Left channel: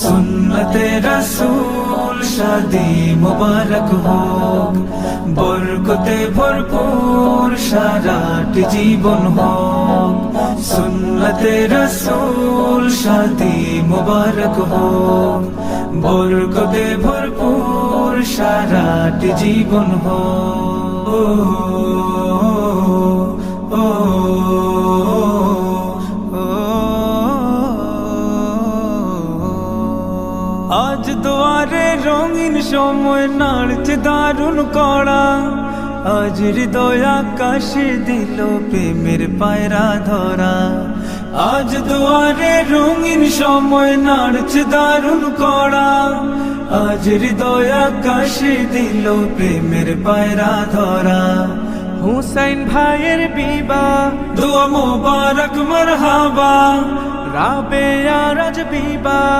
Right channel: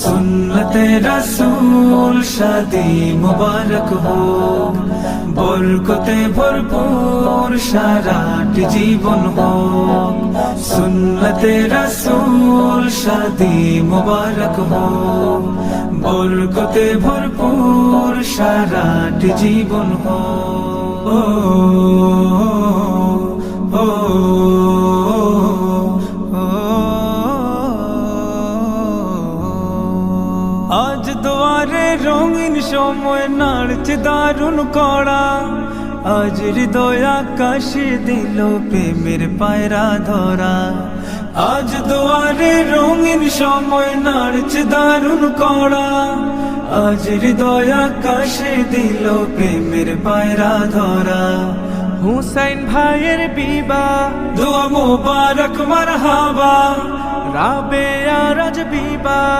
সুন্নতে রাসূল শাদি মুবারক হোক, বরকতে ভরপুর সারাটি জীবন হোক। সুন্নতে রাসূল শাদি মুবারক হোক, বরকতে ভরপুর সারাটি জীবন হোক। আজ দুয়ারে রঙিন সময় নাড়ছে দারুণ কড়া, আজ হৃদয় আকাশে দিল প্রেমের পায়রা ধরা। আজ দুয়ারে রঙিন সময় নাড়ছে দারুণ কড়া, আজ হৃদয় আকাশে দিল প্রেমের পায়রা ধরা। হুসাইন ভাইয়ের বিবাহ, দোয়া মোবারক মারহাবা, রাবেয়া রাজ বিবাহ।